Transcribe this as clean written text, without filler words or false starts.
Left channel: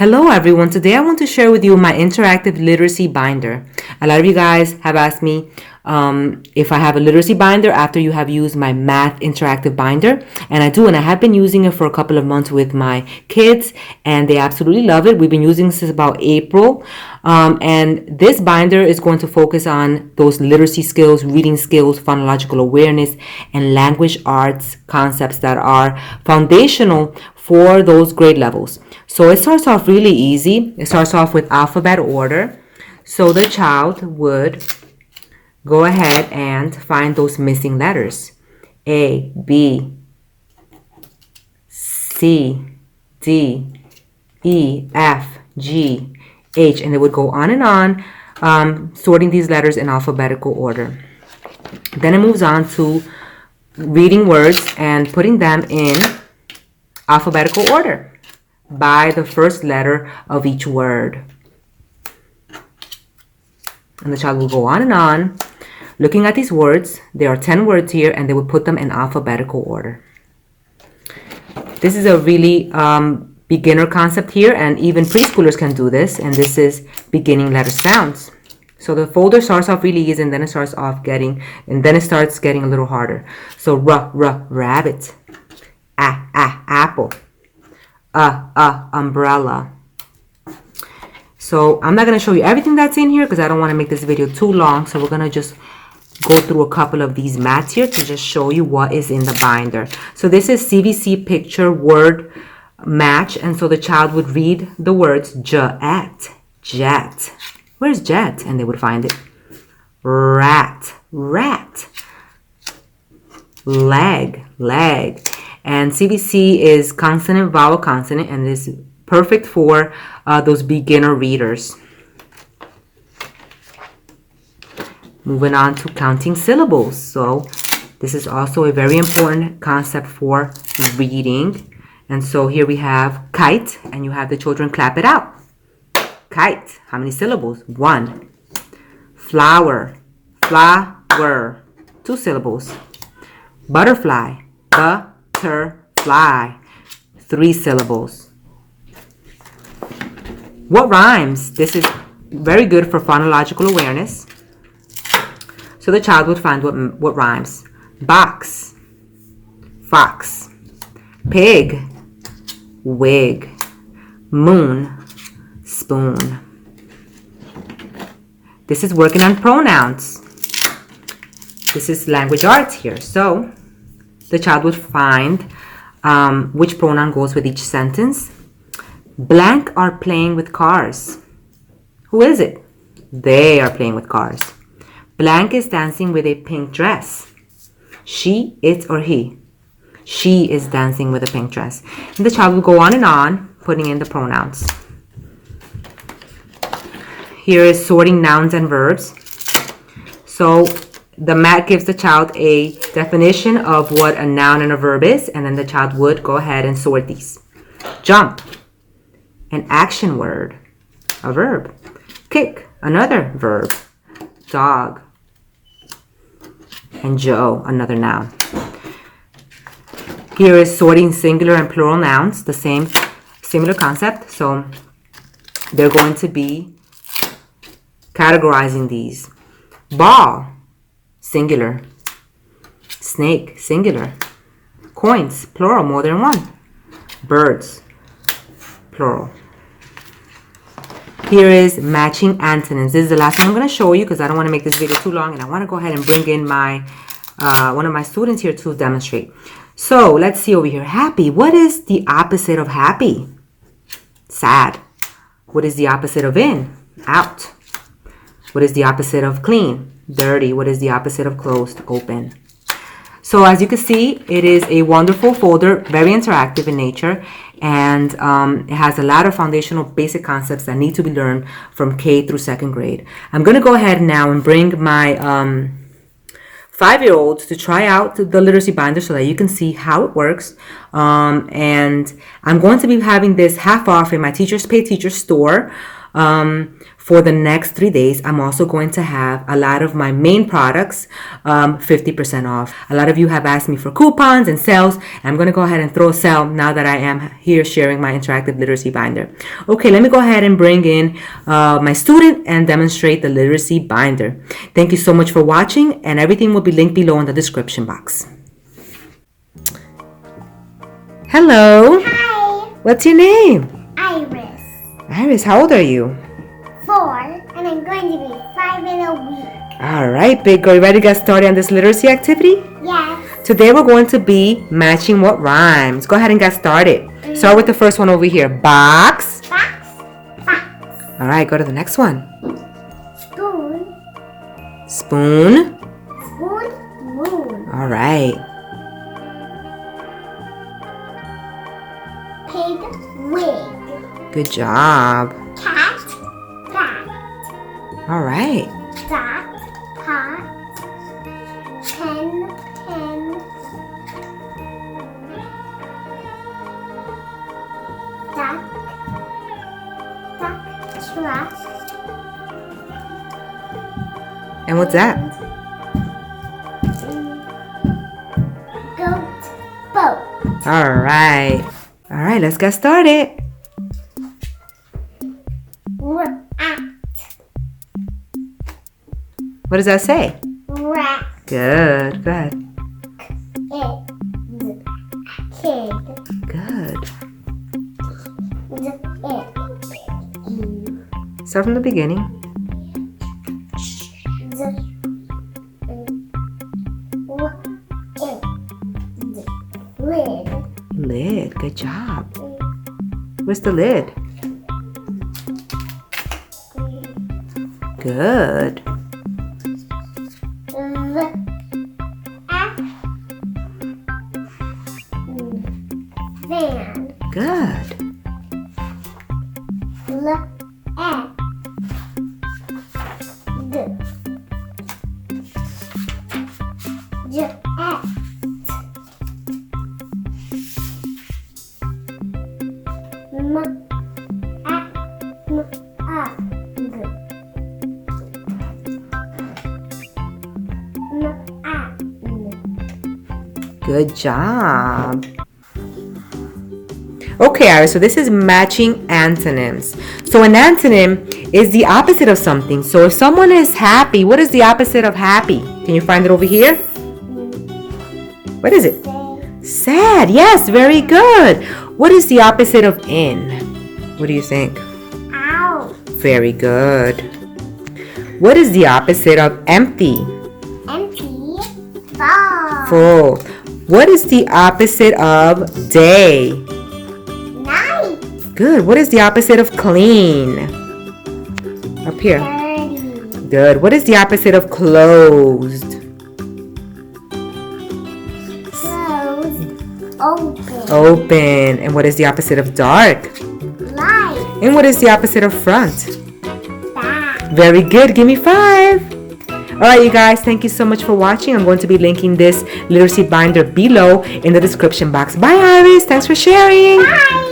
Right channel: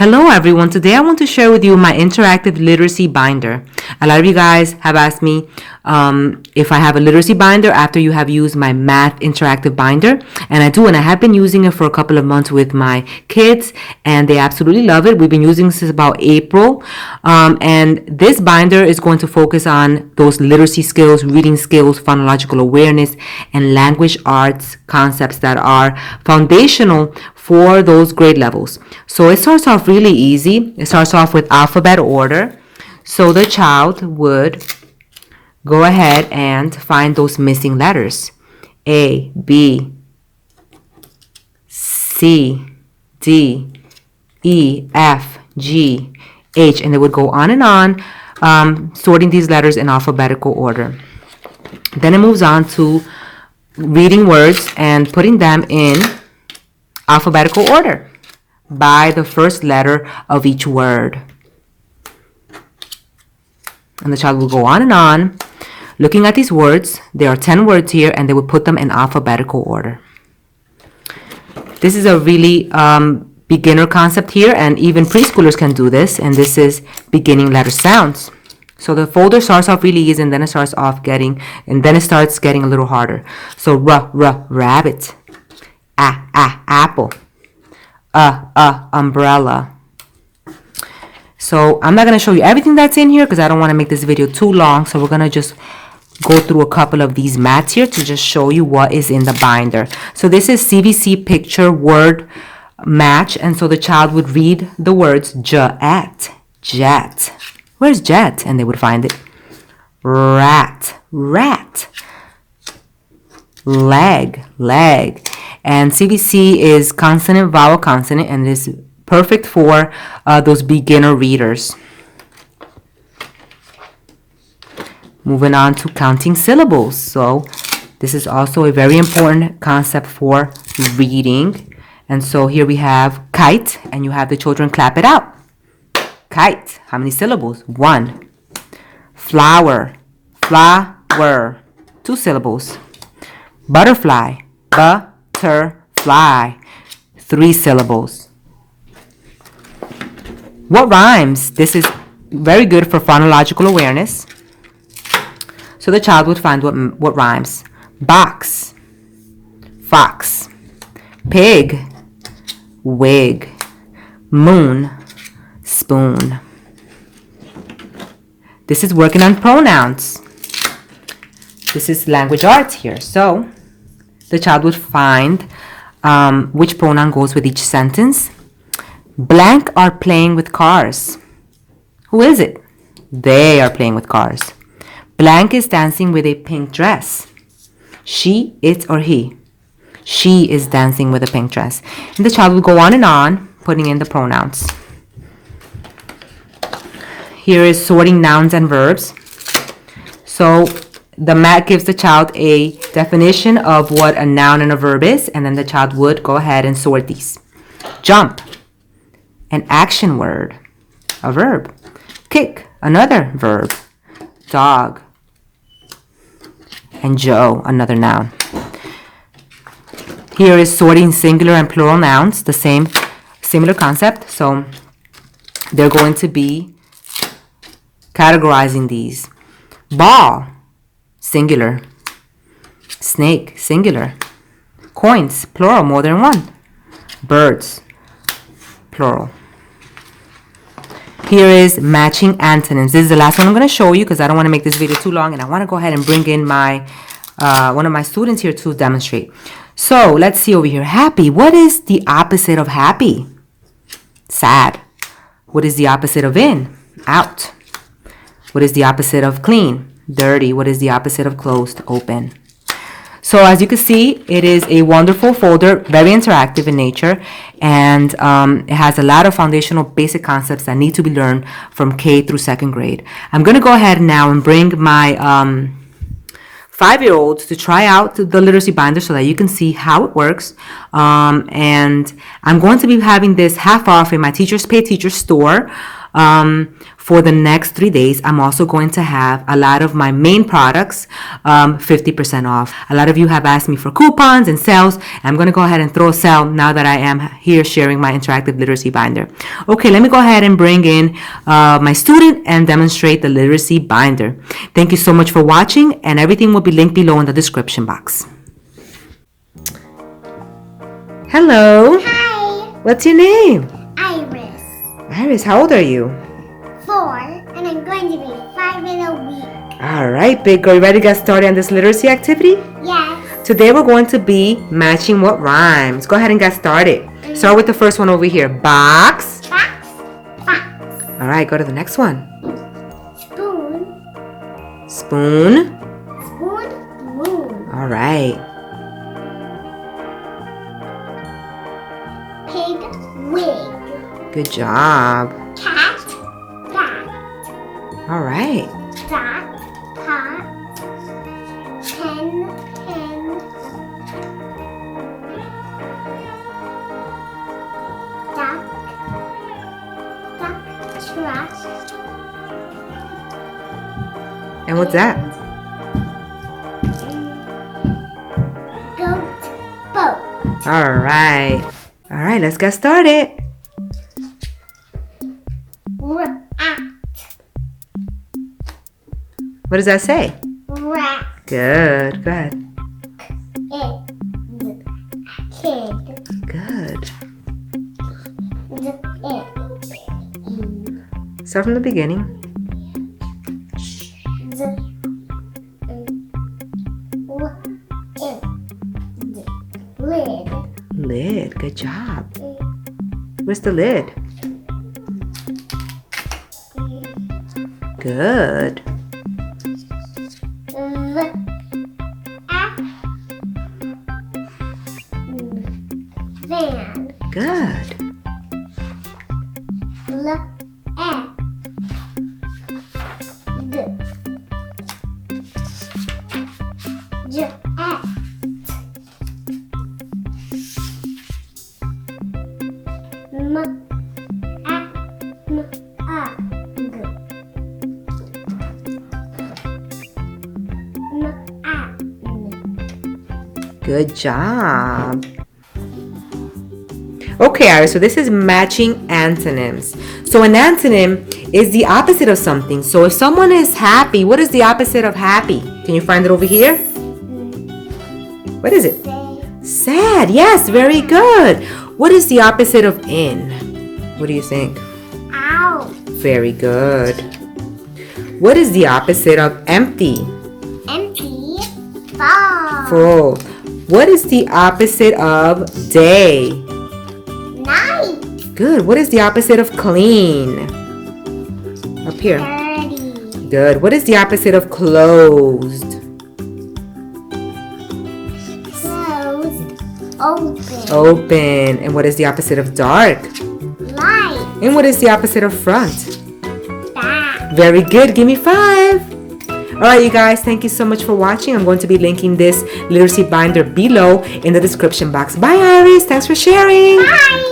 Hello everyone, today I want to share with you my interactive literacy binder. A lot of you guys have asked me if I have a literacy binder after you have used my math interactive binder, and I do, and I have been using it for a couple of months with my kids and they absolutely love it. We've been using this since about April, and this binder is going to focus on those literacy skills, reading skills, phonological awareness, and language arts concepts that are foundational for those grade levels. So it starts off really easy. It starts off with alphabet order. So the child would go ahead and find those missing letters. A, B, C, D, E, F, G, H, and they would go on and on, sorting these letters in alphabetical order. Then it moves on to reading words and putting them in alphabetical order by the first letter of each word. And the child will go on and on looking at these words. There are 10 words here, and they will put them in alphabetical order. This is a really beginner concept here, and even preschoolers can do this, and this is beginning letter sounds. So the folder starts off really easy, and then it starts getting a little harder. So rabbit, apple, umbrella. So I'm not going to show you everything that's in here because I don't want to make this video too long. So we're going to just go through a couple of these mats here to just show you what is in the binder. So this is CVC picture word match. And so the child would read the words jet. Where's jet? And they would find it. Rat. Leg. And CVC is consonant, vowel, consonant, and it is perfect for those beginner readers. Moving on to counting syllables. So this is also a very important concept for reading. And so here we have kite, and you have the children clap it out. Kite. How many syllables? 1. Flower. 2 syllables. Butterfly. Butterfly. 3 syllables. What rhymes? This is very good for phonological awareness. So the child would find what rhymes. Box, fox, pig, wig, moon, spoon. This is working on pronouns. This is language arts here. So the child would find which pronoun goes with each sentence. Blank are playing with cars. Who is it? They are playing with cars. Blank is dancing with a pink dress. She, it, or he. She is dancing with a pink dress. And the child will go on and on, putting in the pronouns. Here is sorting nouns and verbs. So the mat gives the child a definition of what a noun and a verb is, and then the child would go ahead and sort these. Jump, an action word, a verb. Kick, another verb. Dog, and Joe, another noun. Here is sorting singular and plural nouns, the same similar concept. So they're going to be categorizing these. Ball, singular. Snake, singular. Coins, plural, more than one. Birds, plural. Here is matching antonyms. This is the last one I'm going to show you because I don't want to make this video too long, and I want to go ahead and bring in my one of my students here to demonstrate. So let's see over here. Happy. What is the opposite of happy? Sad. What is the opposite of in? Out. What is the opposite of clean? Dirty. What is the opposite of closed? Open. So as you can see, it is a wonderful folder, very interactive in nature, and it has a lot of foundational basic concepts that need to be learned from K through 2nd grade. I'm going to go ahead now and bring my 5-year-olds to try out the literacy binder so that you can see how it works. And I'm going to be having this half off in my Teachers Pay Teachers store for the next 3 days, I'm also going to have a lot of my main products 50% off. A lot of you have asked me for coupons and sales. I'm going to go ahead and throw a sale now that I am here sharing my interactive literacy binder. Okay, let me go ahead and bring in my student and demonstrate the literacy binder. Thank you so much for watching, and everything will be linked below in the description box. Hello. Hi. What's your name? Iris. Iris, how old are you? 4, and I'm going to be 5 in a week. All right, big girl, you ready to get started on this literacy activity? Yes. Today we're going to be matching what rhymes. Go ahead and get started. Start with the first one over here. Box. Box. Box. All right, go to the next one. Spoon. Spoon. Spoon. Moon. All right. Pig. Wig. Good job. Cat. Bat. All right. Dot. Pot. Pen. Pen. Duck. Duck. Trash. And what's that? Goat. Boat. All right. All right, let's get started. Rat. What does that say? Rat. Good. Go ahead. Kid. Good. It. Start from the beginning. Lid. Lid. Good job. Where's the lid? Good. Van. Good. Good job. Okay, Iris, so this is matching antonyms. So an antonym is the opposite of something. So if someone is happy, what is the opposite of happy? Can you find it over here? What is it? Sad. Yes, very good. What is the opposite of in? What do you think? Out. Very good. What is the opposite of empty? Empty. Full. Full. What is the opposite of day? Night. Good. What is the opposite of clean? Up here. Dirty. Good. What is the opposite of closed? Closed. Open. Open. And what is the opposite of dark? Light. And what is the opposite of front? Back. Very good. Give me 5. All right, you guys, thank you so much for watching. I'm going to be linking this literacy binder below in the description box. Bye, Iris. Thanks for sharing. Bye.